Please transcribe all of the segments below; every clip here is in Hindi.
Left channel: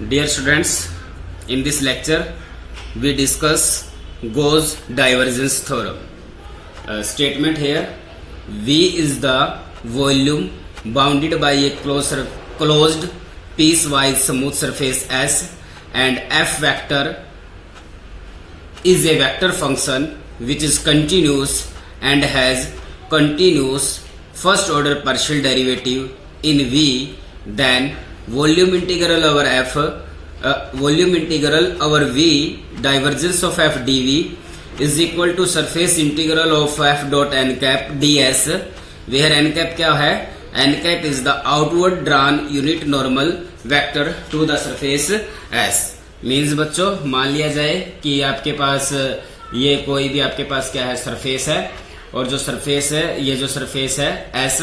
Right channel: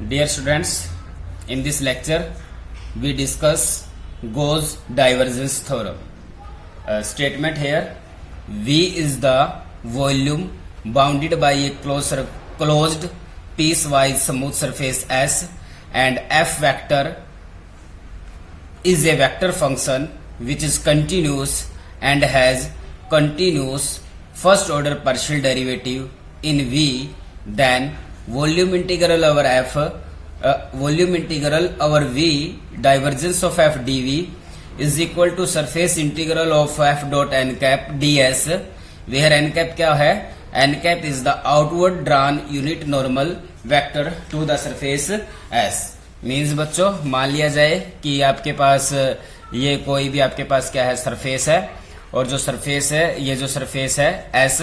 Dear students, in this lecture we discuss Gauss divergence theorem. Statement here: V is the volume bounded by a closed piecewise smooth surface S, and F vector is a vector function which is continuous and has continuous first order partial derivative in V. Then volume integral over F, volume integral over V divergence of F dV is equal to surface integral of F dot n cap ds, where n cap क्या है? n cap is the outward drawn unit normal vector to the surface S. Means बच्चों मान लिया जाए कि आपके पास ये कोई भी आपके पास क्या है, सरफेस है, और जो सरफेस है, ये जो सरफेस है एस,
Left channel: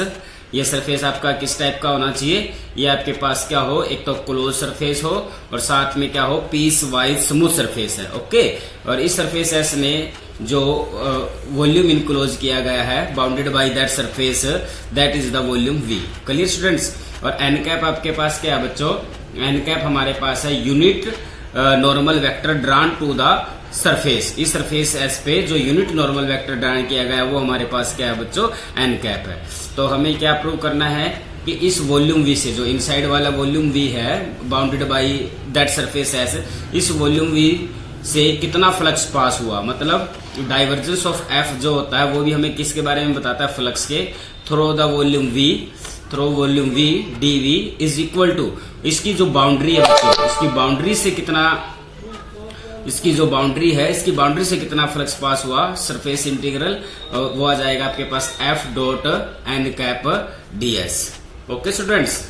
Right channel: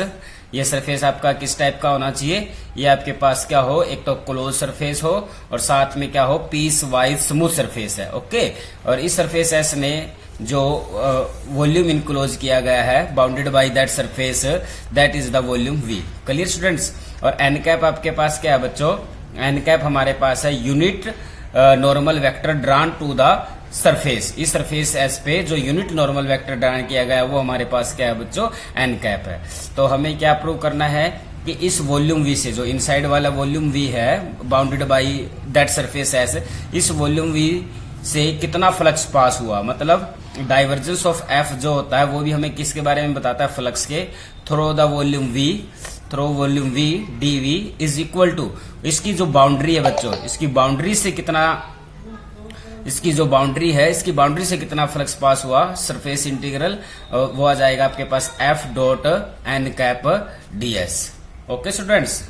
ये सरफेस आपका किस टाइप का होना चाहिए? ये आपके पास क्या हो, एक तो क्लोज सरफेस हो और साथ में क्या हो, पीस वाइज स्मूथ सरफेस है. ओके, और इस सरफेस एस ने जो वॉल्यूम इनक्लोज किया गया है bounded by that surface, that is the volume we. Clear students? और एन कैप आपके पास क्या है बच्चों? एन कैप हमारे पास है unit normal vector drawn to the surface. इस सरफेस एस पे जो यूनिट नॉर्मल वेक्टर ड्रान किया गया है वो हमारे पास क्या है बच्चों? एन कैप है. तो हमें क्या प्रूव करना है कि इस वॉल्यूम वी से, जो इनसाइड वाला वॉल्यूम वी है bounded by that surface S, इस वॉल्यूम वी से कितना फ्लक्स पास हुआ, मतलब डाइवर्जेंस ऑफ एफ जो होता है वो भी हमें किसके बारे में बताता है? फ्लक्स के through the volume V, through volume V D V is equal to इसकी जो बाउंड्री है बच्चों, इसकी बाउंड्री से कितना, इसकी जो बाउंड्री है, इसकी बाउंड्री से कितना फ्लक्स पास हुआ, सरफेस इंटीग्रल, वो आ जाएगा आपके पास F dot N cap D S. Okay students,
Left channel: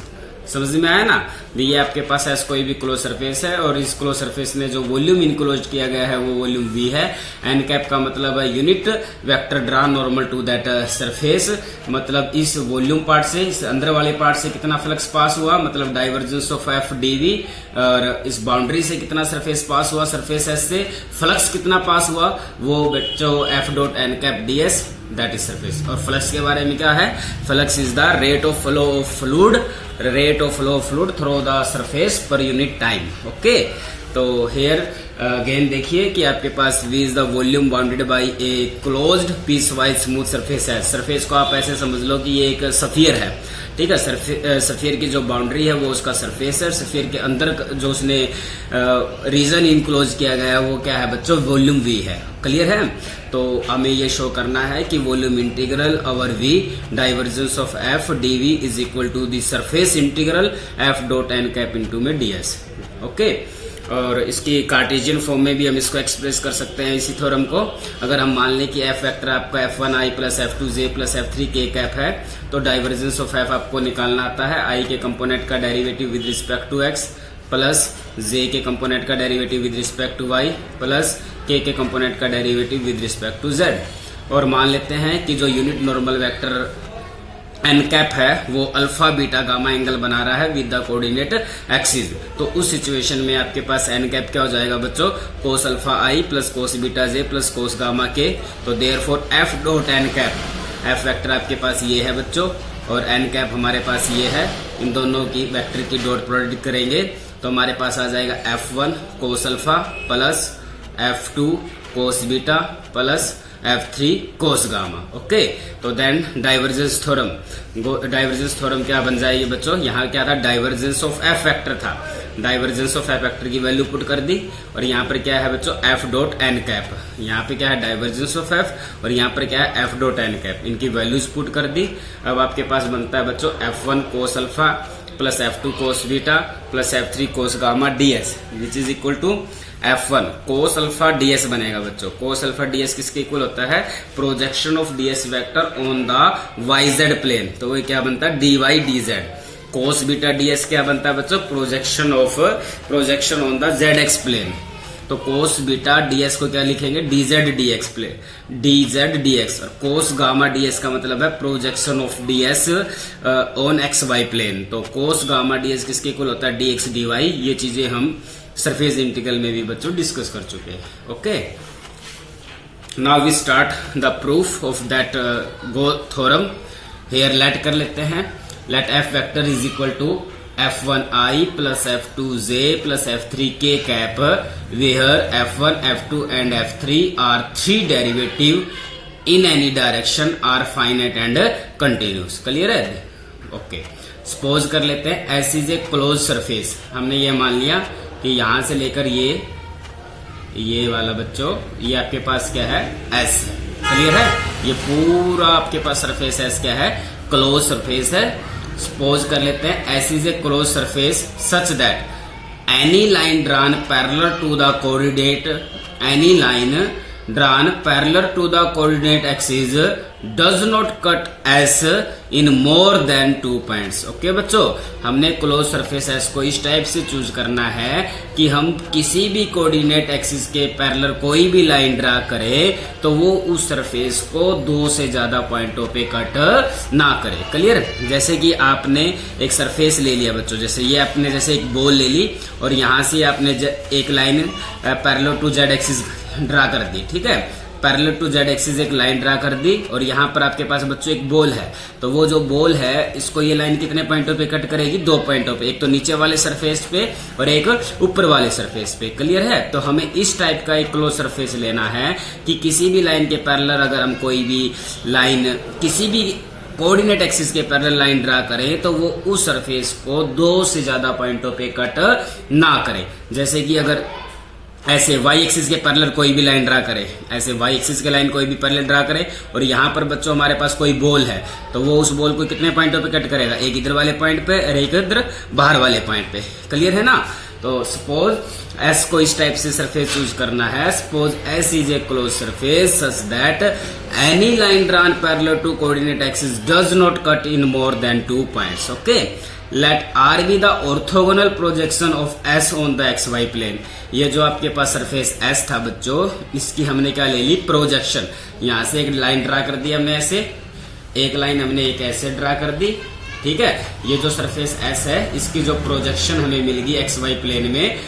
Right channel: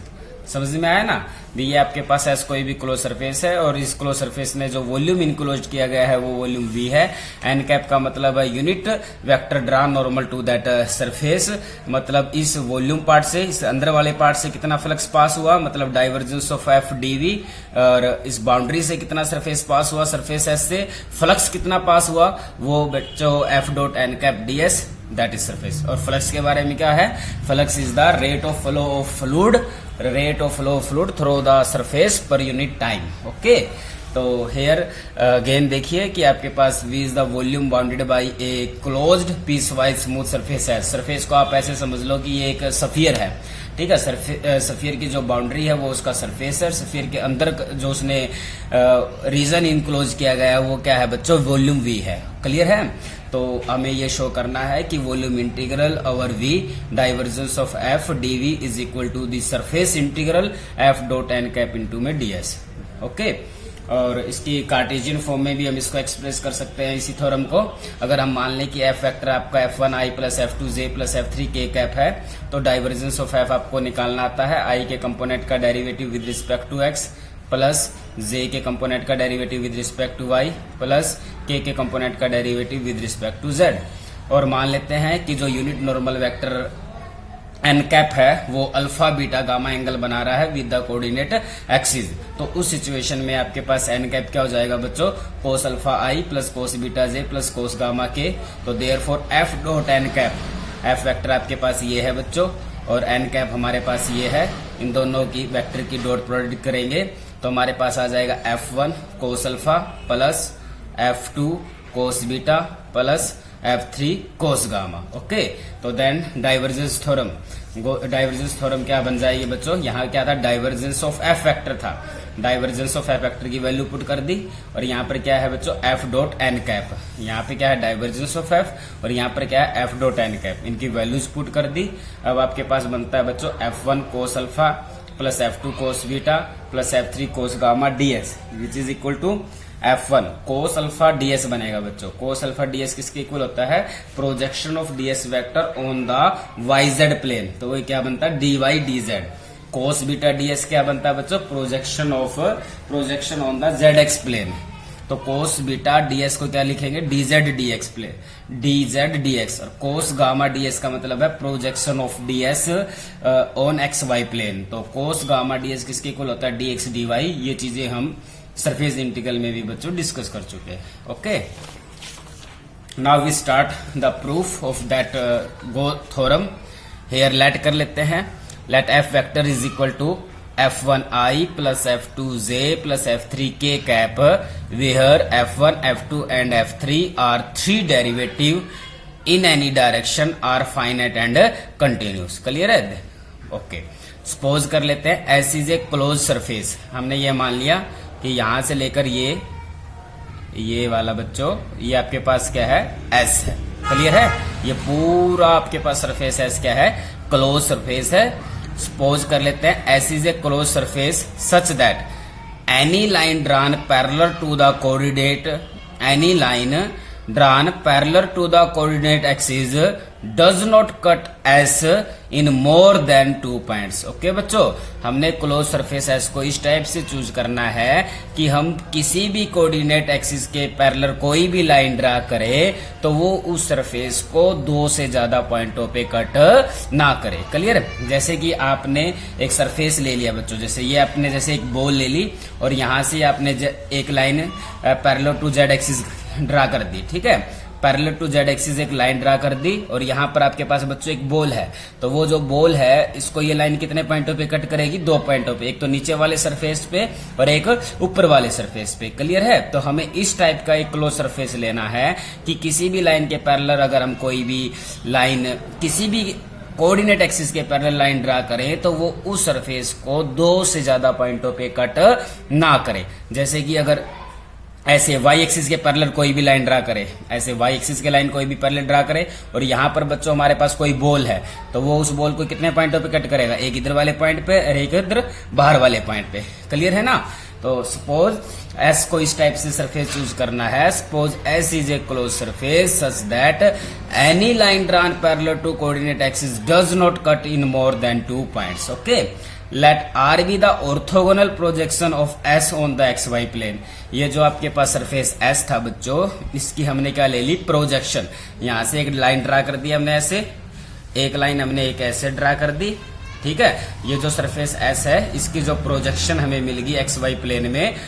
समझ में आया ना? ये आपके पास ऐसा कोई भी क्लोज सरफेस है और इस क्लोज सरफेस में जो वॉल्यूम इनक्लोज किया गया है वो वॉल्यूम वी है. एन कैप का मतलब है unit vector draw normal to that surface, मतलब इस वॉल्यूम पार्ट से, इस अंदर वाले पार्ट से कितना फ्लक्स पास हुआ, मतलब डाइवर्जेंस ऑफ एफ डीवी, और इस बाउंड्री से कितना सरफेस पास हुआ, सरफेस एस से फ्लक्स कितना पास हुआ, वो बच्चों F dot N cap D S, that is surface. और फ्लक्स के बारे में क्या है? Flux is the rate of flow of fluid, rate of flow of fluid through the surface per unit time. Okay, तो हेयर अगेन देखिए कि आपके पास V is the volume bounded by a closed piecewise smooth surface है. सरफेस को आप ऐसे समझ लो कि ये एक सफियर है, ठीक है. सफियर की जो बाउंड्री है वो उसका सरफेस है. सफियर के अंदर जो उसने रीजन इनक्लोज किया गया है वो क्या है बच्चों? वॉल्यूम V है. क्लियर है? तो हमें ये शो करना है कि volume integral over V divergence of F DV is equal to the surface integral F dot N cap into में ds. ओके, और इसकी कार्टेशियन फॉर्म में भी हम इसको एक्सप्रेस कर सकते हैं इसी थ्योरम को. अगर हम मान लें कि एफ वेक्टर आपका f1i plus f2j plus f3k cap है, तो डाइवर्जेंस ऑफ एफ आपको निकालना आता है i के कंपोनेंट का derivative with respect to x plus j के कंपोनेंट का derivative with respect to y plus k के कंपोनेंट का derivative with respect to z. और मान लेते हैं कि जो unit normal vector N cap है वो अल्फा बीटा गामा एंगल बना रहा है विद द कोऑर्डिनेट एक्सिस. तो उस सिचुएशन में आपके पास एन कैप क्या हो जाएगा बच्चों? Cos alpha I plus cos beta J plus cos gamma K. तो therefore F dot N cap, F vector आपके पास ये है बच्चों और एन कैप हमारे पास ये है. इन दोनों की वेक्टर की डॉट प्रोडक्ट करेंगे तो हमारे पास आ जाएगा F1 cos alpha plus F2 cos beta plus F3 cos gamma. Okay, तो then divergence theorem, divergence theorem क्या बन जाएगी बच्चों? यहाँ क्या था? डाइवर्जेंस ऑफ एफ वेक्टर था. डाइवर्जेंस ऑफ एफ वेक्टर की वैल्यू पुट कर दी और यहाँ पर क्या है बच्चों? F dot N cap. यहाँ पे क्या है? डाइवर्जेंस ऑफ एफ, और यहाँ पर क्या है? F dot N cap. इनकी वैल्यूज पुट कर दी. अब आपके पास बनता है बच्चों F1 cos alpha plus F2 cos beta plus F3 cos gamma ds, which is equal to F1 cos alpha ds बनेगा बच्चों. कोस अल्फा ds किसके इक्वल होता है? Projection of ds vector on the yz plane. तो ये क्या बनता है? dy dz. Cos beta ds क्या बनता है बच्चों? Projection on the zx plane. तो कोस बीटा ds को क्या लिखेंगे? dz dx plane, dz dx. Cos gamma ds का मतलब है projection of ds on xy plane. तो कोस गामा ds किसके इक्वल होता है? dx dy. ये चीजें हम सरफेस इंटीग्रल में भी बच्चों डिस्कस कर चुके हैं. Okay, now we start the proof of that go theorem. Here let कर लेते हैं. Let F vector is equal to f1i plus f2j plus f3k cap, where f1, f2 and f3 are three derivative in any direction are finite and continuous. Clear है? ओके, सपोज कर लेते हैं S is a close surface. हमने ये मान लिया कि यहां से लेकर ये वाला बच्चों, ये आपके पास क्या है? एस है. क्लियर है? ये पूरा आपके पास सरफेस एस क्या है? क्लोज सरफेस है. सपोज कर लेते हैं S is a close surface such that any line drawn parallel to the coordinate, any line drawn parallel to the coordinate axis does not cut S in more than 2 points. Okay बच्चों, हमने क्लोज सरफेस एस को इस टाइप से चूज करना है कि हम किसी भी कोऑर्डिनेट एक्सिस के पैरेलल कोई भी लाइन ड्रा करें तो वो उस सरफेस को 2 से ज्यादा पॉइंटों पे कट ना करे. क्लियर? जैसे कि आपने एक सरफेस ले लिया बच्चों, जैसे ये आपने जैसे एक बॉल ले ली और यहां से आपने एक line parallel to Z axis draw कर दी. ठीक है, पैरेलल टू जेड एक्सिस एक लाइन ड्रा कर दी और यहाँ पर आपके पास बच्चों एक बॉल है. तो वो जो बॉल है इसको ये लाइन कितने पॉइंटों पे कट करेगी? 2 पॉइंटों पे, एक तो नीचे वाले सरफेस पे और एक ऊपर वाले सरफेस पे. क्लियर है? तो हमें इस टाइप का एक क्लोज सरफेस लेना है कि किसी भी लाइन के पैरेलल अगर हम कोई भी लाइन किसी भी कोऑर्डिनेट एक्सिस के पैरेलल लाइन ड्रा करें तो वो उस सरफेस को 2 से ज्यादा पॉइंटों पे कट ना करे. जैसे कि अगर ऐसे y एक्सिस के पैरेलल कोई भी लाइन ड्रा करे, ऐसे y एक्सिस के लाइन कोई भी पैरेलल ड्रा करे और यहाँ पर बच्चों हमारे पास कोई बॉल है तो वो उस बॉल को कितने पॉइंटों पे कट करेगा? एक इधर वाले पॉइंट पे और एक इधर बाहर वाले पॉइंट पे. क्लियर है ना? तो सपोज एस को इस टाइप से सरफेस चूज करना है. Suppose S is a close surface such that any line drawn parallel to coordinate axis does not cut in more than 2 points. Okay, let R be the orthogonal projection of S on the X Y plane. ये जो आपके पास सरफेस एस था बच्चों, इसकी हमने क्या ले ली? प्रोजेक्शन. यहां से एक लाइन ड्रा कर दी हमने, ऐसे एक लाइन हमने एक ऐसे ड्रा कर दी. ठीक है, ये जो सरफेस एस है इसकी जो प्रोजेक्शन हमें मिलेगी एक्स वाई प्लेन में,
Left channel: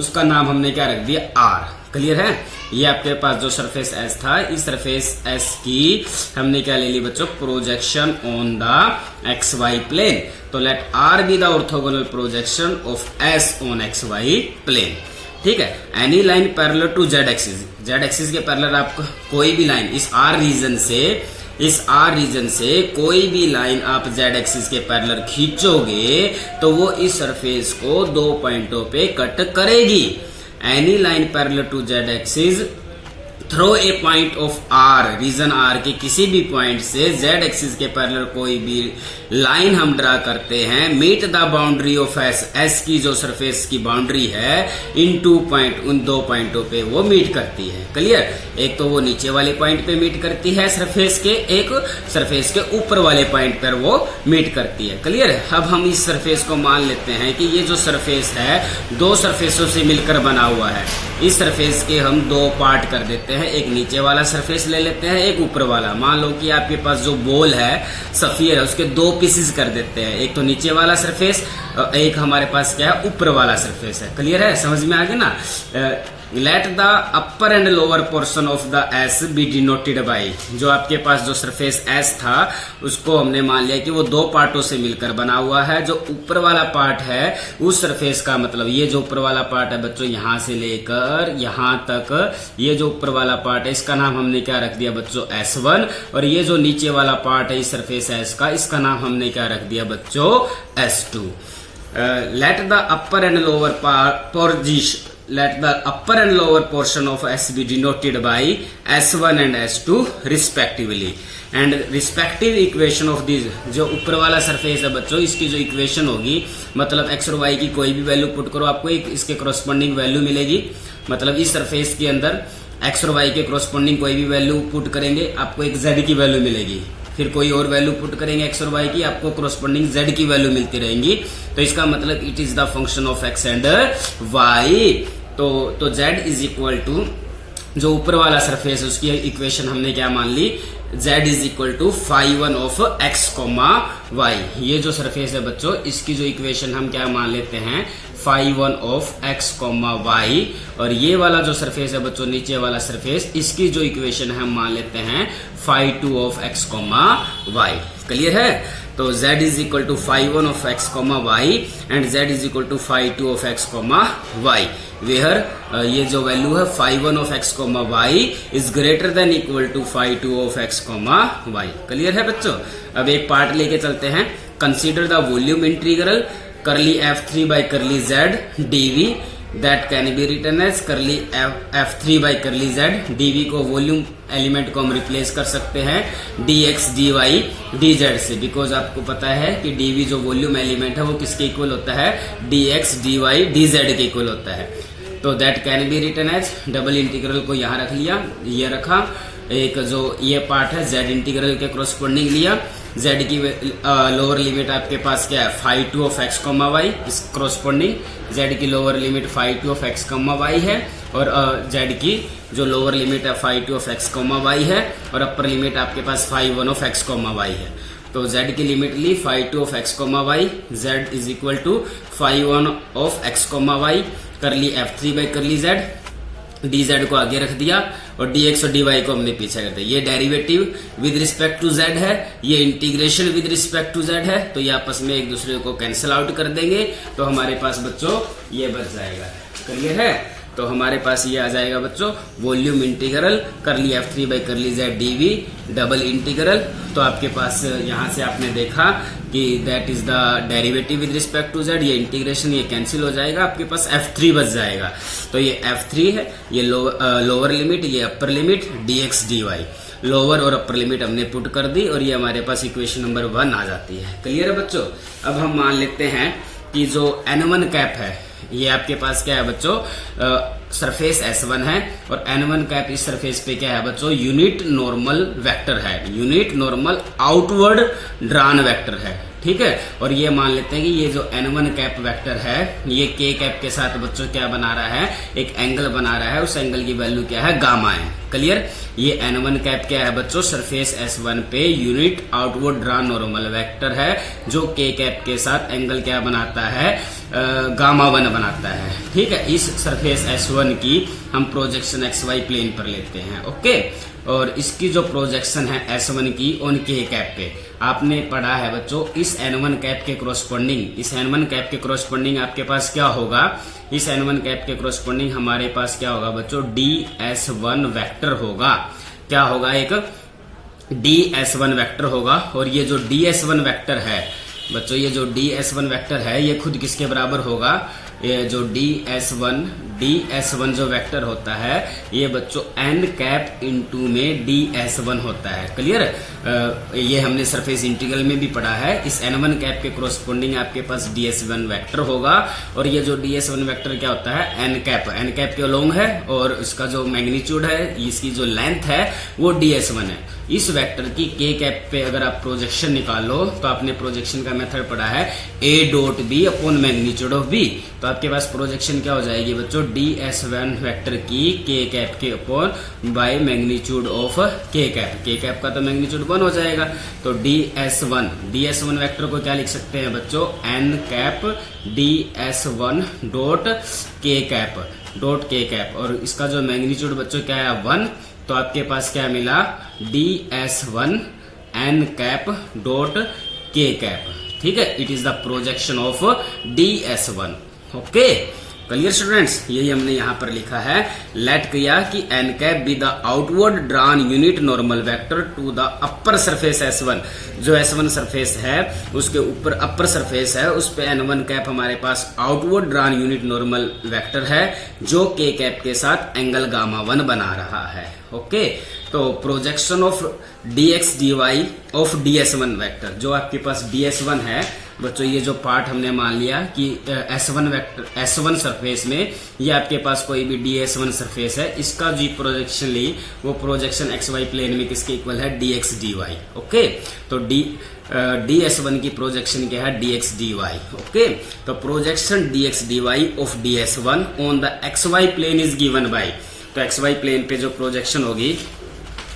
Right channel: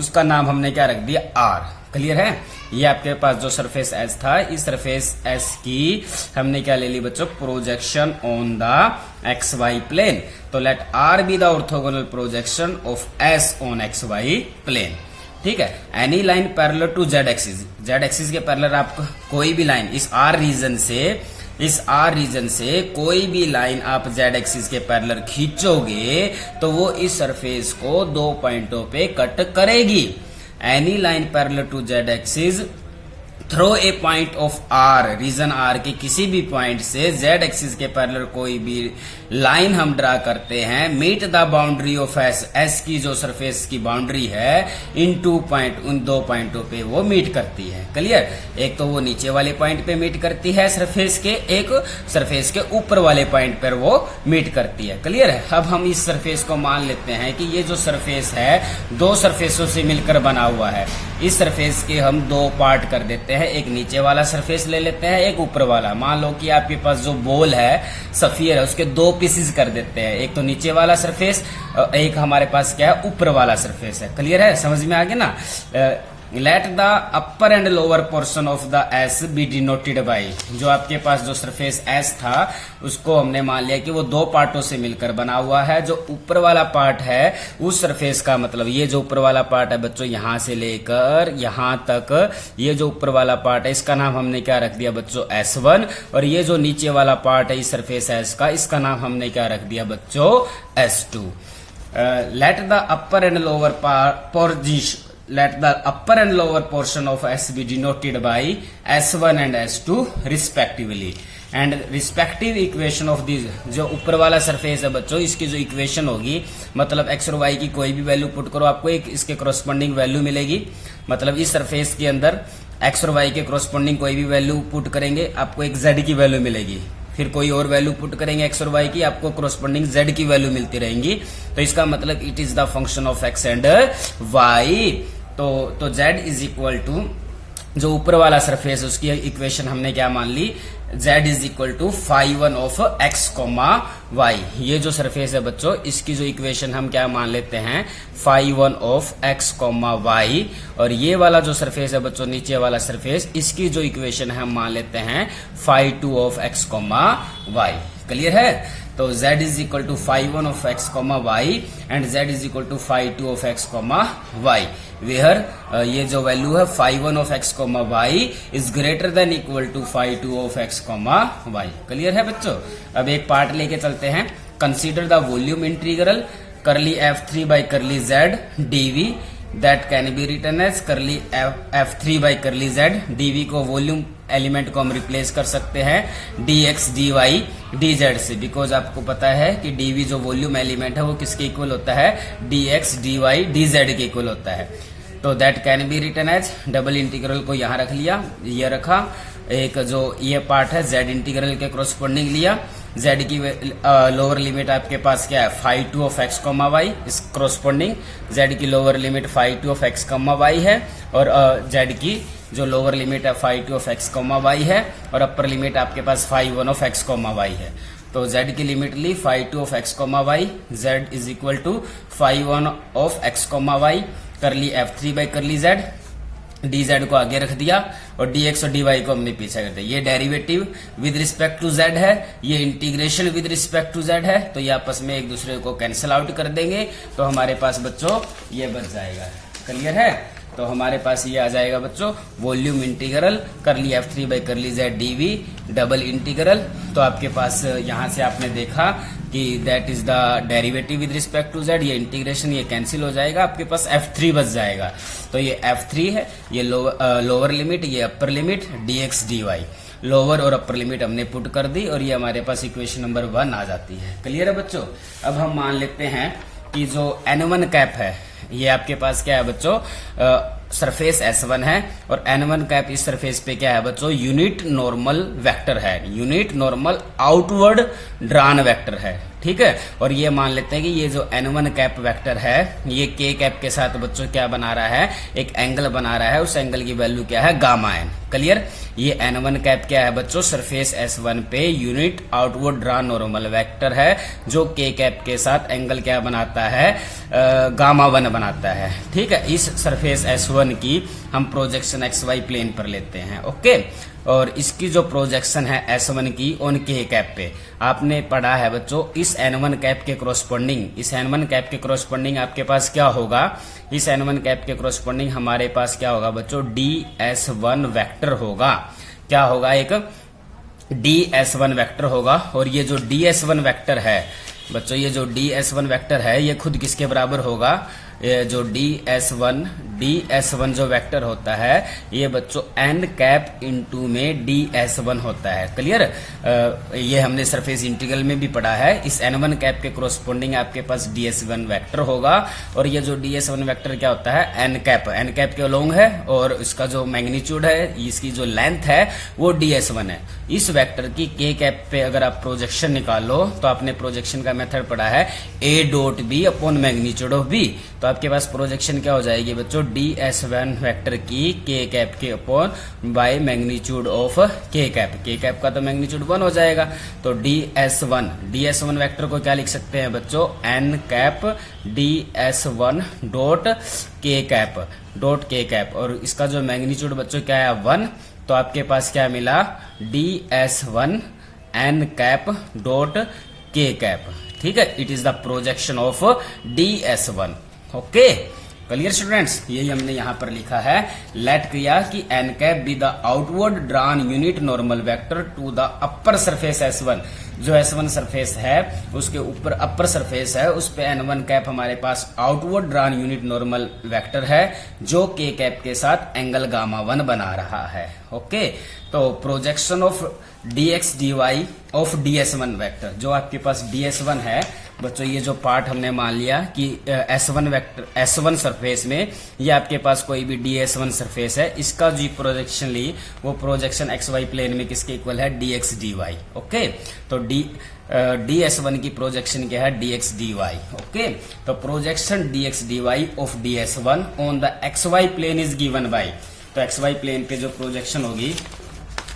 उसका नाम हमने क्या रख दिया? आर. क्लियर है? ये आपके पास जो सरफेस एस था, इस सरफेस एस की हमने क्या ले ली बच्चों? Projection on the X Y plane. तो let R be the orthogonal projection of S on X Y plane. ठीक है, any line parallel to Z axis, Z axis के पैरेलल आप कोई भी लाइन इस आर रीजन से कोई भी लाइन आप जेड एक्सिस के पैरेलल खींचोगे तो वो इस सरफेस को 2 पॉइंटों पे कट करेगी. Any line parallel to Z axis through a point of R, region R के किसी भी पॉइंट से जेड एक्सिस के पैरेलल कोई भी लाइन हम ड्रा करते हैं, meet the boundary of S, S की जो सरफेस की बाउंड्री है इन 2 पॉइंट, उन 2 पॉइंटों पे वो मीट करती है. क्लियर? एक तो वो नीचे वाले पॉइंट पे मीट करती है सरफेस के, एक सरफेस के ऊपर वाले पॉइंट पर वो मीट करती है. क्लियर है? अब हम इस सरफेस को मान लेते हैं कि ये जो सरफेस है 2 सरफेसों से मिलकर बना हुआ है. इस सरफेस के हम 2 पार्ट कर देते हैं, एक नीचे वाला सरफेस ले लेते हैं, एक ऊपर वाला. मान लो कि आपके पास जो बॉल है सफियर है, उसके 2 पीसेस कर देते हैं, एक तो नीचे वाला सरफेस और एक हमारे पास क्या है? ऊपर वाला सरफेस है. क्लियर है? समझ में आ गया ना? Let the upper and lower portion of the S B denoted by, जो आपके पास जो सरफेस एस था उसको हमने मान लिया कि वो 2 पार्टों से मिलकर बना हुआ है. जो ऊपर वाला पार्ट है उस सरफेस का मतलब ये जो ऊपर वाला पार्ट है बच्चों, यहां से लेकर यहां तक ये जो ऊपर वाला पार्ट है इसका नाम हमने क्या रख दिया बच्चों? S1. और ये जो नीचे वाला पार्ट है इस सरफेस एस का, इसका नाम हमने क्या रख दिया बच्चों? S2. Let the upper and lower portion, let the upper and lower portion of S be denoted by S1 and S2 respectively. And respective equation of these, जो ऊपर वाला सरफेस है बच्चों, इसकी जो इक्वेशन होगी, मतलब x और y की कोई भी वैल्यू पुट करो, आपको एक इसके करस्पॉन्डिंग वैल्यू मिलेगी. मतलब इस सरफेस के अंदर x और y के करस्पॉन्डिंग कोई भी वैल्यू पुट करेंगे, आपको एक z की वैल्यू मिलेगी. फिर कोई और वैल्यू पुट करेंगे x और y की, आपको करस्पॉन्डिंग z की वैल्यू मिलती रहेंगी. तो इसका मतलब it is the function of x and y. तो z इज इक्वल टू जो ऊपर वाला सरफेस है उसकी इक्वेशन हमने क्या मान ली? z is equal to φ1 of x, y. ये जो सरफेस है बच्चों, इसकी जो इक्वेशन हम क्या मान लेते हैं? φ1 ऑफ x, y. और ये वाला जो सरफेस है बच्चों, नीचे वाला सरफेस, इसकी जो इक्वेशन है हम मान लेते हैं φ2 ऑफ x, y. क्लियर है? तो z is equal to phi1 of x comma Y and z is equal to phi2 of x comma Y, where ये जो वैल्यू है phi1 of x comma Y is greater than equal to phi2 of x comma Y. Clear है बच्चों? अब एक पार्ट लेके चलते हैं। Consider the volume integral curly f3 by curly z dv that can be written as curly f3 by curly z dv को वॉल्यूम एलिमेंट को हम रिप्लेस कर सकते हैं dx dy dz से, बिकॉज आपको पता है कि dv जो वॉल्यूम एलिमेंट है वो किसके इक्वल होता है, dx dy dz के इक्वल होता है। तो that can be written as, double integral को यहाँ रख लिया, ये रखा, एक जो ये पार्ट है z इंटीग्रल के कोरस्पोंडिंग लिया, z की लोअर लिमिट आपके पास क्या है phi2 of x comma Y, इस कोरस्पोंडिंग z की lower limit phi2 of x comma Y है, और z की जो लोअर लिमिट है phi2 of x comma Y है, और अपर लिमिट आपके पास phi1 of x comma Y है। तो z की लिमिट ली phi2 of x comma Y, z is equal to phi1 of x comma Y, curly f3 by curly z, dz को आगे रख दिया और dx और dy को हमने पीछे कर दिया। ये derivative with respect to z है, ये integration with respect to z है, तो ये आपस में एक दूसरे को कैंसिल आउट कर देंगे, तो हमारे पास बच्चों ये बच जाएगा। क्लियर है? तो हमारे पास ये आ जाएगा बच्चों volume integral curly f3 by curly z dv double integral. तो आपके पास यहाँ से आपने देखा कि that is the derivative with respect to z, ये इंटीग्रेशन ये कैंसिल हो जाएगा, आपके पास f3 बच जाएगा। तो ये f3 है, ये लोअर लिमिट, ये upper limit dx dy, lower और अपर लिमिट हमने पुट कर दी और ये हमारे पास इक्वेशन नंबर 1 आ जाती है। क्लियर है बच्चों? अब हम मान लेते हैं कि जो n1 कैप है ये आपके पास क्या है बच्चों, सरफेस S1 है, और n1 कैप इस सरफेस पे क्या है बच्चों, यूनिट नॉर्मल वेक्टर है, unit normal outward drawn vector है। ठीक है, और ये मान लेते हैं कि ये जो n1 कैप वेक्टर है ये k कैप के साथ बच्चों क्या बना रहा है, एक एंगल बना रहा है, उस एंगल की वैल्यू क्या है, गामा n। क्लियर? ये n1 कैप क्या है बच्चों, सरफेस S1 पे unit outward drawn normal vector है, जो k कैप के साथ एंगल क्या बनाता है, गामा 1 बनाता है। ठीक है, इस सरफेस S1 की हम प्रोजेक्शन XY प्लेन पर लेते हैं। ओके, और इसकी जो प्रोजेक्शन है S1 की ऑन k कैप पे, आपने पढ़ा है बच्चों इस n1 कैप के कोरस्पोंडिंग, इस n1 कैप के कोरस्पोंडिंग आपके पास क्या होगा, इस n1 कैप के कोरस्पोंडिंग हमारे पास क्या होगा बच्चों, ds1 वेक्टर होगा। क्या होगा, एक ds1 वेक्टर होगा, और ये जो ds1 वेक्टर है बच्चों, ये जो ds1 वेक्टर है ये खुद किसके बराबर होगा, ये जो ds1 जो वेक्टर होता है ये बच्चों n कैप इंटू में ds1 होता है। क्लियर? ये हमने सरफेस इंटीग्रल में भी पढ़ा है, इस n1 कैप के कोरस्पोंडिंग आपके पास ds1 वेक्टर होगा, और ये जो ds1 वेक्टर क्या होता है, n कैप के अलोंग है, और इसका जो मैग्नीट्यूड है, इसकी जो लेंथ है वो ds1 है। इस वेक्टर की k कैप पे अगर आप प्रोजेक्शन निकालो तो आपने प्रोजेक्शन का मेथड पढ़ा है a dot b upon magnitude of b, तो आपके पास प्रोजेक्शन क्या हो जाएगी बच्चों, ds1 वेक्टर की k कैप के upon by magnitude of k cap का तो मैग्नीट्यूड 1 हो जाएगा। तो ds1 वेक्टर को क्या लिख सकते हैं बच्चों, n cap ds1 dot k cap, और इसका जो मैग्नीट्यूड बच्चों क्या है 1, तो आपके पास क्या मिला, ds1 n cap dot k cap. ठीक है, it is the projection of ds1। Okay, clear students? यही हमने यहाँ पर लिखा है, लेट किया कि n cap be the outward drawn unit normal vector to the upper surface S1, जो S1 सरफेस है उसके ऊपर अपर सरफेस है, उस पे n1 कैप हमारे पास outward drawn unit normal vector है, जो k कैप के साथ एंगल गामा 1 बना रहा है। ओके, तो projection of dx dy of ds1 vector, जो आपके पास ds1 है बच्चों, ये जो पार्ट हमने मान लिया कि S1 वेक्टर, S1 सरफेस में ये आपके पास कोई भी ds1 सरफेस है, इसका जो प्रोजेक्शन ली वो प्रोजेक्शन XY प्लेन में किसके इक्वल है, dx dy। ओके, तो ds1 की प्रोजेक्शन क्या है, dx dy। ओके, तो projection dx dy of ds1 on the XY plane is given by, तो XY प्लेन पे जो प्रोजेक्शन होगी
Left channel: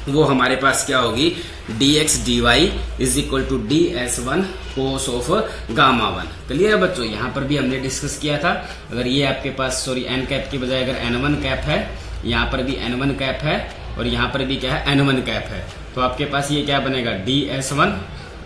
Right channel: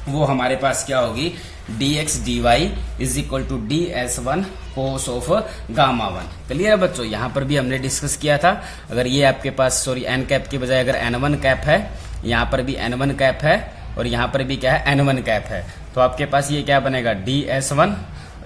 वो हमारे पास क्या होगी, dx dy is equal to ds1 cos of gamma 1। Clear है बच्चों? यहाँ पर भी हमने डिस्कस किया था, अगर ये आपके पास n कैप की बजाय अगर n1 कैप है, यहाँ पर भी n1 कैप है और यहाँ पर भी क्या है n1 कैप है, तो आपके पास ये क्या बनेगा, ds1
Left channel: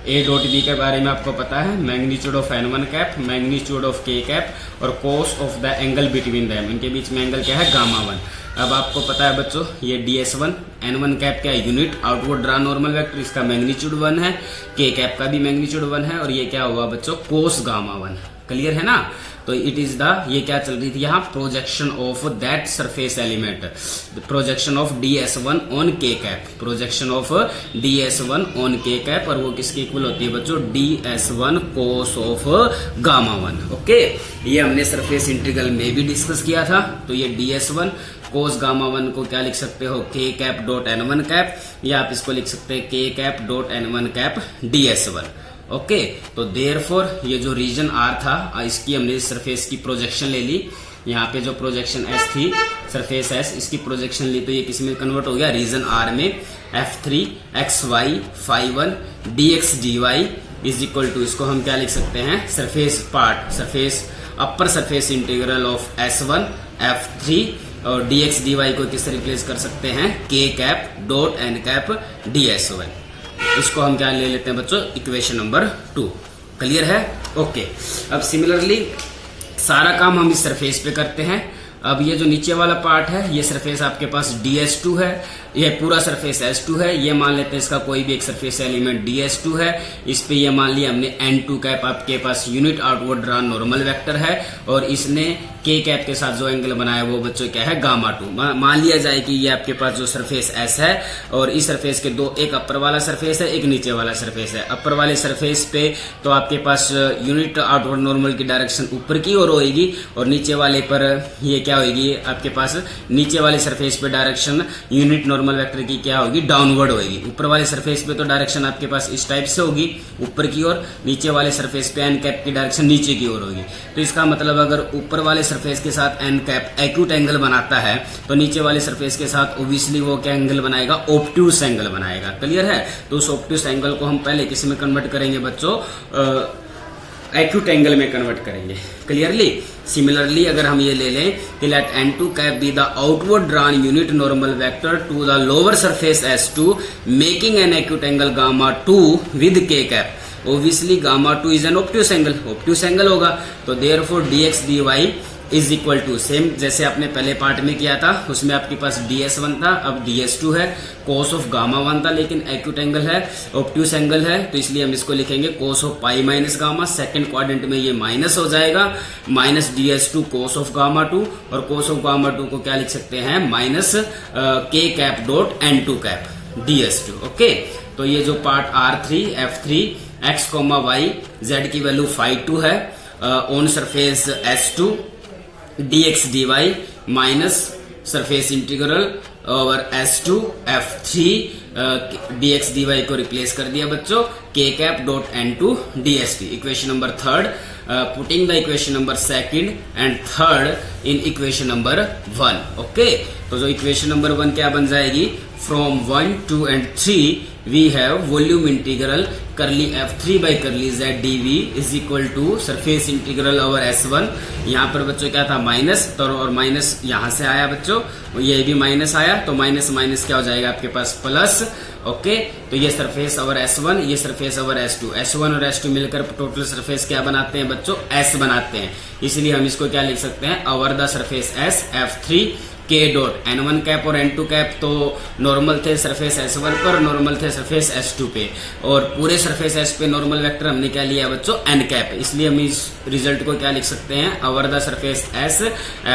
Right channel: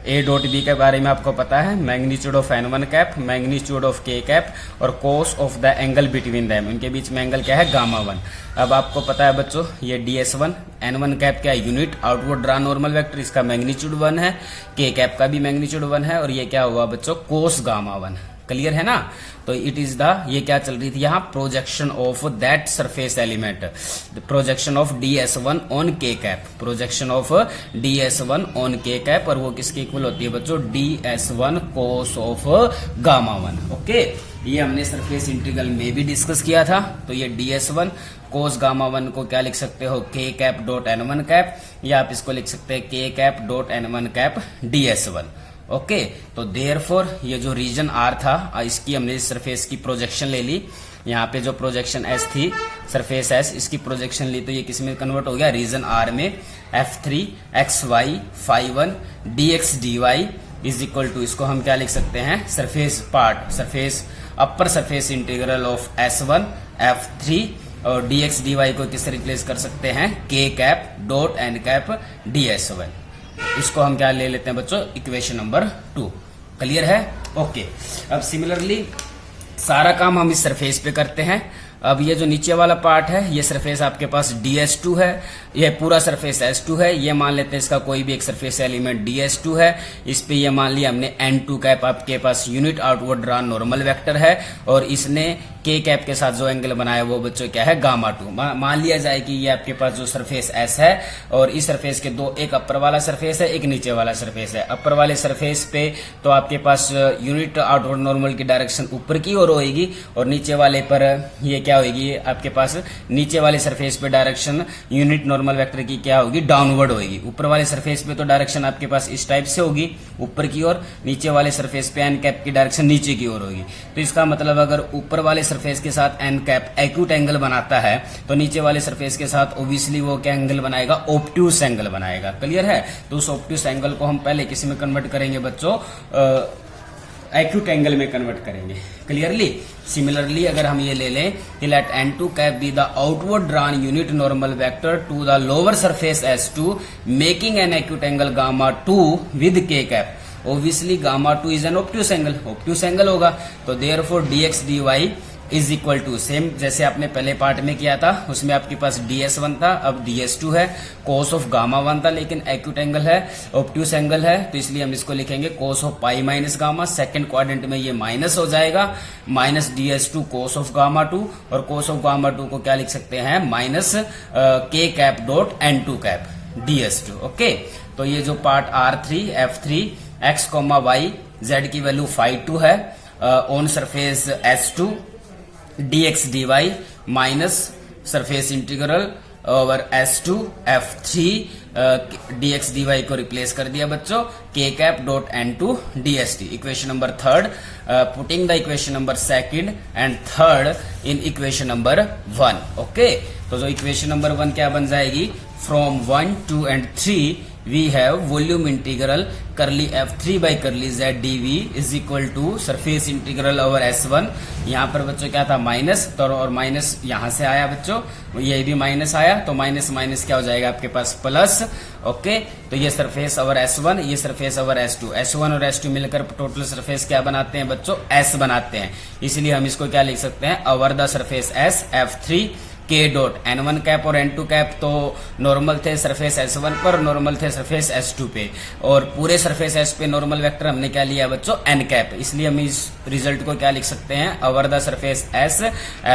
ए डॉट बी के बारे में आपको पता है, magnitude of n1 cap, magnitude of k cap और cos of the angle between them, इनके बीच में एंगल क्या है, गामा 1। अब आपको पता है बच्चों ये ds1 n1 कैप क्या है, unit outward drawn normal vector, इसका मैग्नीट्यूड 1 है, k कैप का भी मैग्नीट्यूड 1 है और ये क्या हुआ बच्चों, कोस गामा 1। क्लियर है ना। तो इट इज द, ये क्या चल रही थी यहाँ, projection of that surface element, projection of ds1 on k cap, projection of ds1 on k cap, और वो किसके इक्वल होती है बच्चों, ds1 cos of gamma 1। Okay, ये हमने सरफेस इंटीग्रल में भी डिस्कस किया था। तो ये ds1 कोस गामा 1 को क्या लिख सकते हो, k cap dot n1 cap, या आप इसको लिख सकते हैं k cap dot n1 cap ds1। Okay, तो देयरफॉर ये जो रीजन R था, इसकी हमने इस सरफेस की प्रोजेक्शन ले ली। यहाँ पे जो प्रोजेक्शन S थी, सरफेस S, इसकी प्रोजेक्शन ली तो ये किस में कन्वर्ट हो गया, रीजन R में। f3 xy phi1 dx dy is equal to, इसको हम क्या लिख सकते हैं, surface part, surface upper surface integral of S1 f3, और dx dy को किससे रिप्लेस कर सकते हैं, k cap dot n cap ds1। इसको हम क्या ले लेते हैं बच्चों, इक्वेशन नंबर 2। क्लियर है। ओके, अब सिमिलरली सारा काम हम इस सरफेस पे करते हैं। अब ये जो नीचे वाला पार्ट है, ये सरफेस आपके पास ds2 है, ये पूरा सरफेस S2 है, ये मान लेते हैं इसका कोई भी एक सरफेस एलिमेंट ds2 है, इस पे ये मान लिया हमने n2 कैप आपके पास unit outward drawn normal vector है, और इसने k कैप के साथ जो एंगल बनाया वो बच्चों क्या है, गामा 2। मान लिया जाए कि ये आपके पास जो सरफेस S है, और इस सरफेस के दो, एक अपर वाला सरफेस है, एक नीचे वाला सरफेस है। अपर वाले सरफेस पे तो आपके पास यूनिट आउटवर्ड नॉर्मल की डायरेक्शन ऊपर की ओर होगी, और नीचे वाले पर ये क्या होगी, आपके पास नीचे वाले सरफेस पे डायरेक्शन यूनिट नॉर्मल वेक्टर की क्या होगी, डाउनवर्ड होगी। ऊपर वाले सरफेस पे तो डायरेक्शन आपके पास इस टाइप से होगी ऊपर की ओर, नीचे वाले सरफेस पे एन कैप की डायरेक्शन नीचे की ओर होगी। तो इसका मतलब अगर ऊपर वाले सरफेस के साथ एन कैप एक्यूट एंगल बनाता है, तो नीचे वाले सरफेस के साथ ऑब्वियसली वो क्या एंगल बनाएगा, ऑब्ट्यूस एंगल बनाएगा। क्लियर है। तो उस ऑब्ट्यूस एंगल को हम पहले किस में कन्वर्ट करेंगे बच्चों, एक्यूट एंगल में कन्वर्ट करेंगे। क्लियरली। सिमिलरली अगर हम ये ले लें कि let n2 cap be the outward drawn unit normal vector to the lower surface S2 making an acute angle gamma 2 with k cap, obviously gamma 2 is an obtuse angle, obtuse angle होगा। तो therefore dx dy is equal to, same जैसे आपने पहले पार्ट में किया था, उसमें आपके पास ds1 था, अब ds2 है, कोस ऑफ गामा 1 था, लेकिन एक्यूट एंगल है, ऑब्ट्यूस एंगल है, तो इसलिए हम इसको लिखेंगे cos of pi minus gamma. Second quadrant में ये माइनस हो जाएगा, minus ds2 cos of gamma 2, और कोस ऑफ गामा 2 को क्या लिख सकते हैं, minus k cap dot n2 cap ds2। Okay, तो ये जो part R3 f3 x, y z की वैल्यू phi2 है on surface S2 dx dy minus surface integral over S2 f3 dx dy को रिप्लेस कर दिया बच्चों k cap dot n2 ds। Equation number third, putting the equation number second and third in equation number 1। Okay, तो जो इक्वेशन नंबर 1 क्या बन जाएगी, from 1, 2 and 3 we have volume integral curly f3 by curly z dv is equal to surface integral over S1। यहाँ पर बच्चों क्या था, माइनस, तो और माइनस यहाँ से आया बच्चों, ये भी माइनस आया, तो माइनस माइनस क्या हो जाएगा आपके पास प्लस। ओके, तो ये सरफेस ओवर S1, ये सरफेस ओवर S2, S1 और S2 मिलकर टोटल सरफेस क्या बनाते हैं बच्चों, S बनाते हैं। इसलिए हम इसको क्या लिख सकते हैं, over the surface S f3 k dot n1 cap और n2 कैप तो नॉर्मल थे सरफेस S1 पर, नॉर्मल थे सरफेस S2 पे, और पूरे सरफेस S पे नॉर्मल वेक्टर हमने क्या लिया बच्चों, n कैप। इसलिए हम इस रिजल्ट को क्या लिख सकते हैं, over the surface S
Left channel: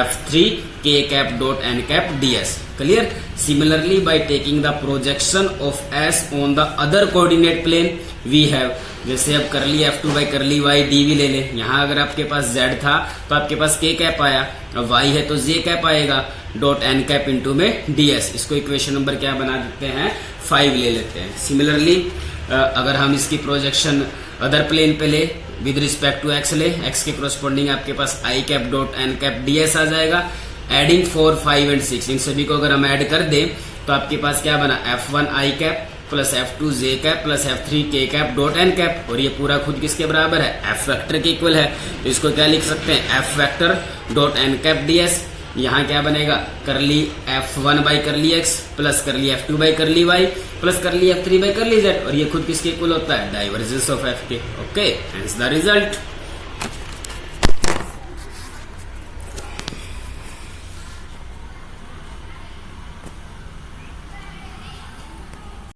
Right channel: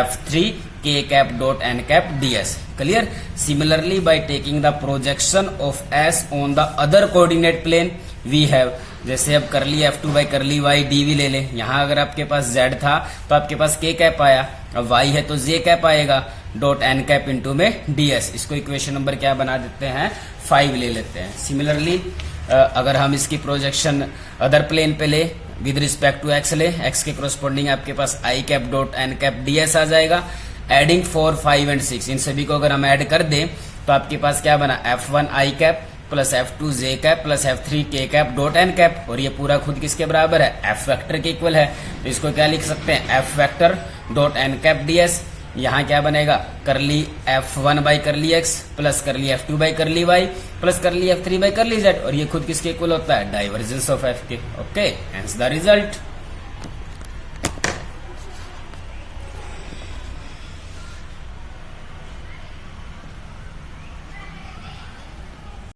f3 k cap dot n cap ds। Clear. Similarly by taking the projection of S on the other coordinate plane we have, जैसे अब करली f2 बाई करली y dv ले लें, यहाँ अगर आपके पास z था तो आपके पास k कैप आया, अब y है तो j कैप आएगा, डॉट n कैप इंटू में ds। इसको इक्वेशन नंबर क्या बना देते हैं, 5 ले लेते हैं। सिमिलरली अगर हम इसकी प्रोजेक्शन अदर प्लेन पे ले, विद रिस्पेक्ट टू x ले, x के कोरस्पॉन्डिंग आपके पास i cap dot n cap ds आ जाएगा। एडिंग 4, 5 एंड 6, इन सभी को अगर हम ऐड कर दें तो आपके पास क्या बना, f1 i cap plus f2 j cap plus f3 k cap dot n cap, और ये पूरा खुद किसके बराबर है, f वेक्टर के इक्वल है। तो इसको क्या लिख सकते हैं, f vector dot n cap ds। यहाँ क्या बनेगा, करली F1 बाई करली x प्लस करली F2 बाई करली y प्लस करली F3 बाई करली z, और ये खुद किसके इक्वल होता है, डाइवर्जेंस ऑफ F के। Okay, hence the result.